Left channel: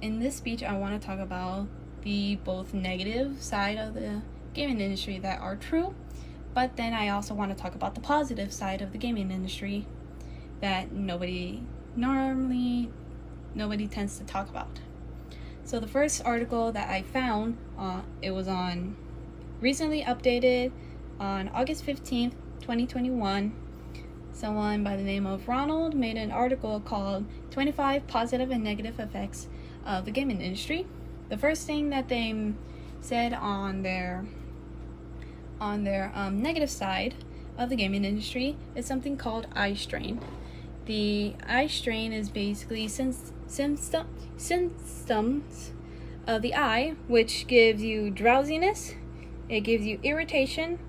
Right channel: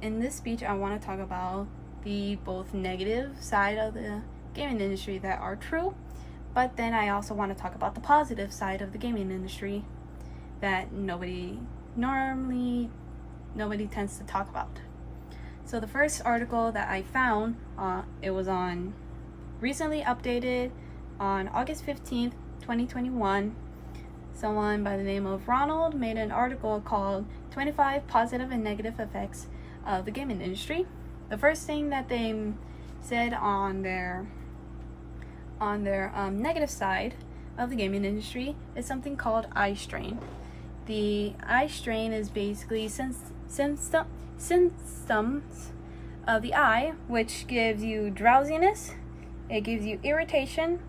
in this speech I want to talk about the both negative side of the gaming industry that are true, but then I also want to talk about the positive side of the gaming industry that nobody tends to talk about. So the first article that I found, it was on recently updated on August 15th, 2021. Someone by the name of Ronald made an article called 25 Positive and Negative Effects of the Gaming Industry. The first thing that they said on their negative side of the gaming industry is something called eye strain. The eye strain is basically symptoms of the eye, which gives you drowsiness, it gives you irritation,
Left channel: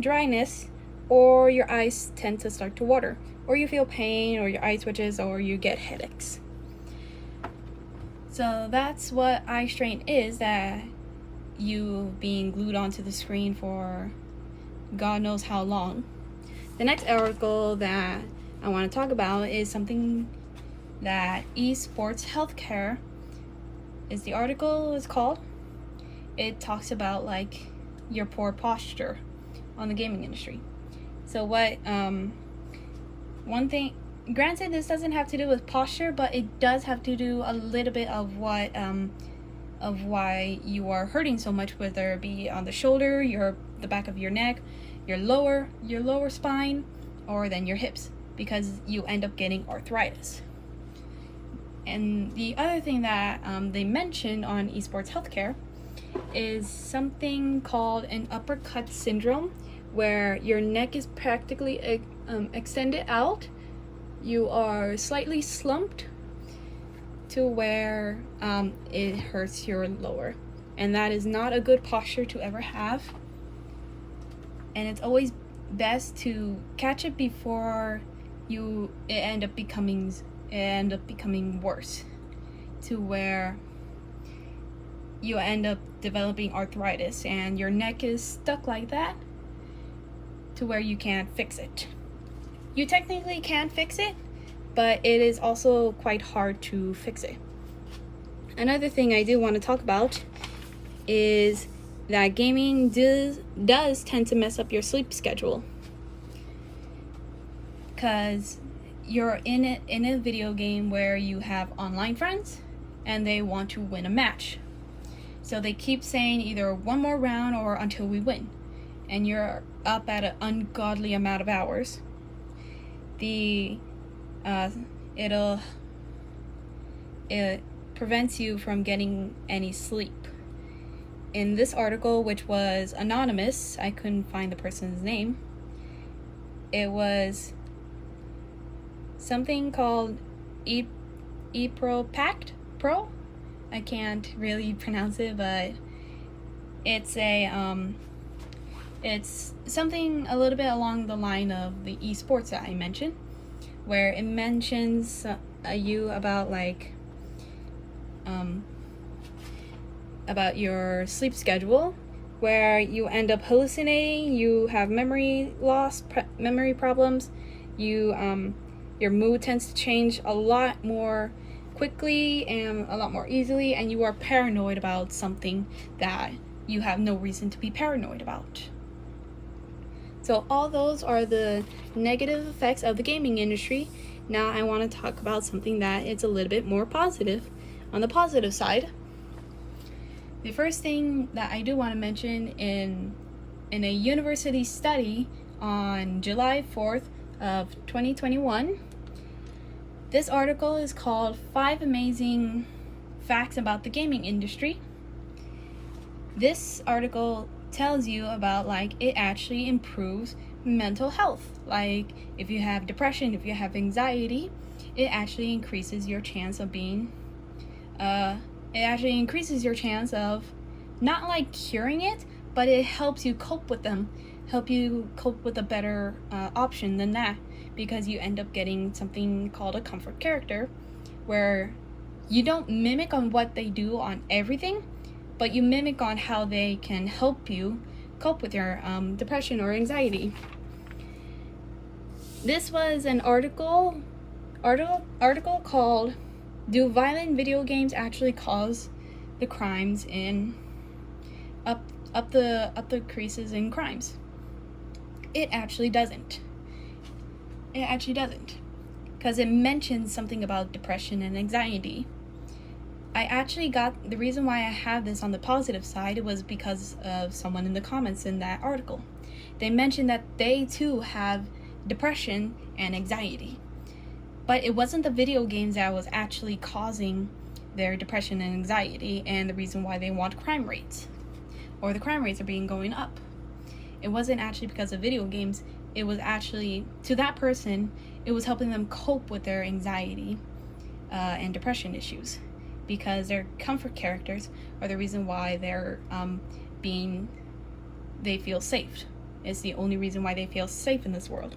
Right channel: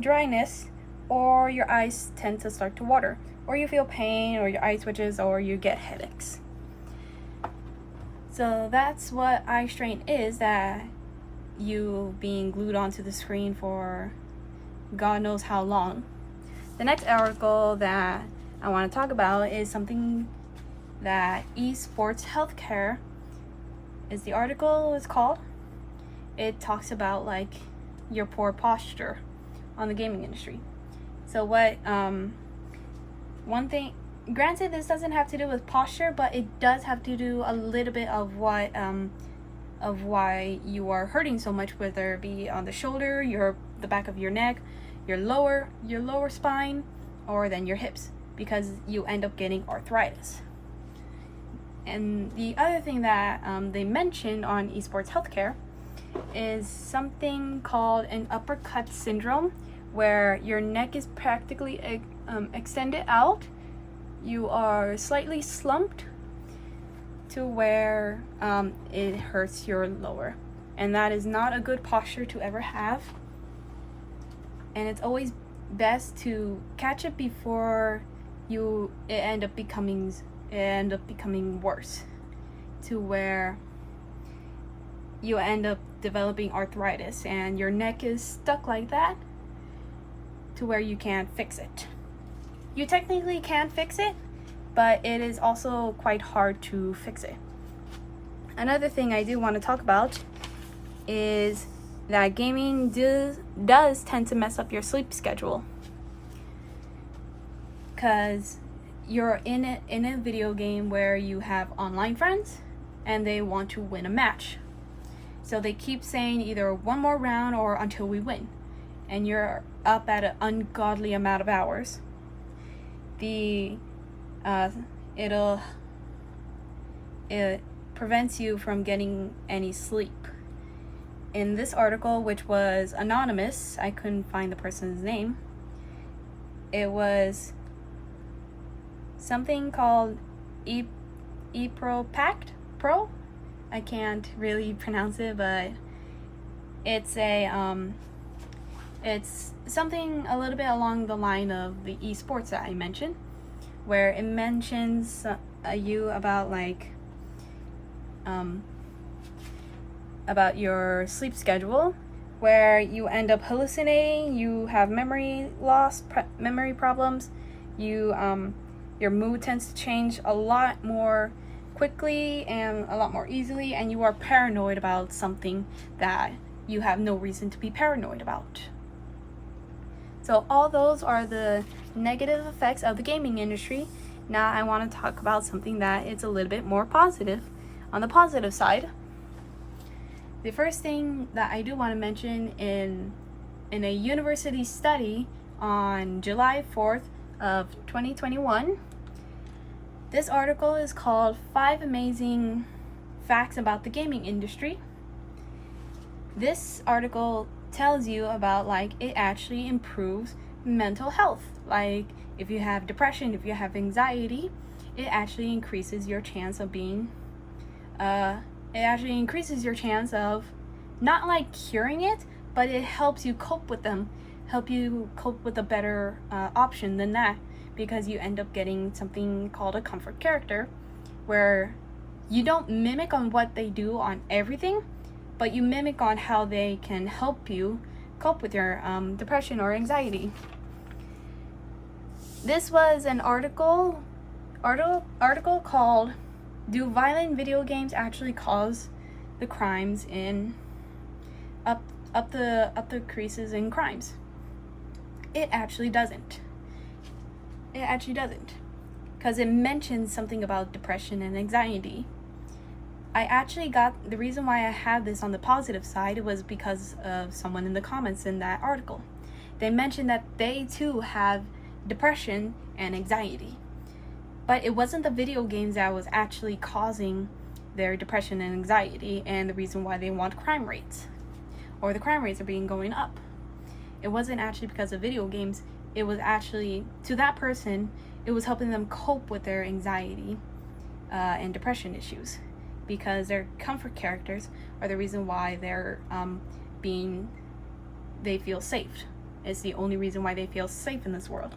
dryness, or your eyes tend to start to water, or you feel pain, or your eye twitches, or you get headaches. So that's what eye strain is, that you being glued onto the screen for God knows how long. The next article that I want to talk about is something that esports healthcare is the article is called. It talks about like your poor posture on the gaming industry. So what one thing, granted this doesn't have to do with posture, but it does have to do a little bit of what of why you are hurting so much, whether it be on the shoulder, the back of your neck, your lower spine, or then your hips, because you end up getting arthritis. And the other thing that they mentioned on esports healthcare is something called an uppercut syndrome, where your neck is practically extended out. You are slightly slumped to where it hurts your lower, and that is not a good posture to ever have. And it's always best to catch it before it end up becoming worse, to where you end up developing arthritis and your neck is stuck like that to where you can't fix it. You technically can fix it, but it is also quite hard to fix it. Another thing I do want to talk about is that gaming does tend to mess up your sleep schedule, because you're in a video game where you have online friends and they want to win a match. So they keep saying either one more round or until we win, and you're up at an ungodly amount of hours. It prevents you from getting any sleep. In this article, which was anonymous, I couldn't find the person's name. It was something called eProPact Pro. I can't really pronounce it, but it's it's something a little bit along the line of the esports that I mentioned, where it mentions you about like about your sleep schedule, where you end up hallucinating, you have memory loss, memory problems, your mood tends to change a lot more quickly and a lot more easily, and you are paranoid about something that you have no reason to be paranoid about. So all those are the negative effects of the gaming industry. Now I want to talk about something that is a little bit more positive, on the positive side. The first thing that I do want to mention, in a university study on July 4th of 2021, this article is called 5 Amazing Facts About the Gaming Industry. This article tells you about like it actually improves mental health. Like if you have depression, if you have anxiety, it actually increases your chance of not like curing it, but it helps you cope with them, help you cope with a better option than that, because you end up getting something called a comfort character, where you don't mimic on what they do on everything, but you mimic on how they can help you cope with your depression or anxiety. This was an article called do violent video games actually cause the crimes in up the creases in crimes? It actually doesn't. It actually doesn't. Because it mentions something about depression and anxiety. I actually got the reason why I have this on the positive side was because of someone in the comments in that article. They mentioned that they too have depression and anxiety. But it wasn't the video games that was actually causing their depression and anxiety and the reason why they want crime rates, or the crime rates are being going up. It wasn't actually because of video games. It was actually, to that person, it was helping them cope with their anxiety and depression issues, because their comfort characters are the reason why they feel safe. It's the only reason why they feel safe in this world.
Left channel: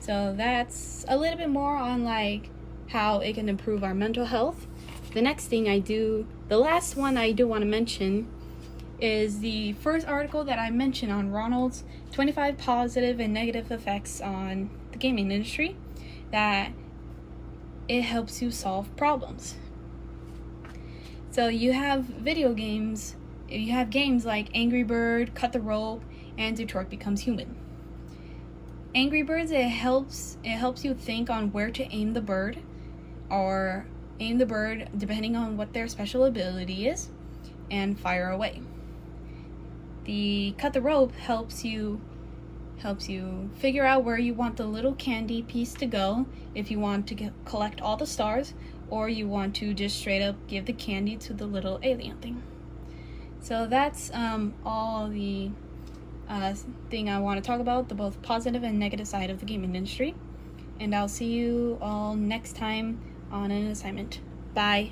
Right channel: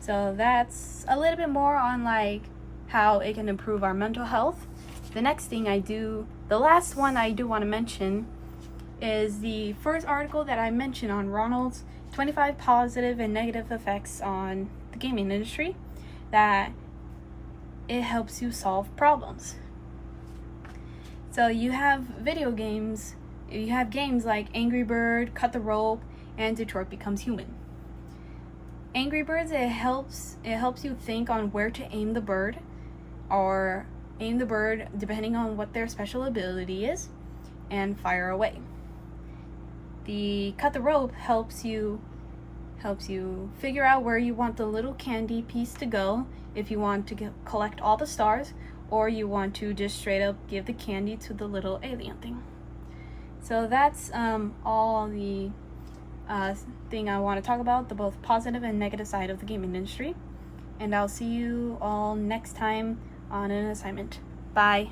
So that's a little bit more on like how it can improve our mental health. The next thing the last one I do want to mention is the first article that I mentioned on Ronald's 25 positive and negative effects on the gaming industry, that it helps you solve problems. So you have video games, you have games like Angry Bird, Cut the Rope, and Detroit Becomes Human. Angry Birds, it helps you think on where to aim the bird, or aim the bird depending on what their special ability is, and fire away. The Cut the Rope helps you figure out where you want the little candy piece to go, if you want to collect all the stars, or you want to just straight up give the candy to the little alien thing. So that's all the thing I want to talk about, the both positive and negative side of the gaming industry. And I'll see you all next time on an assignment. Bye.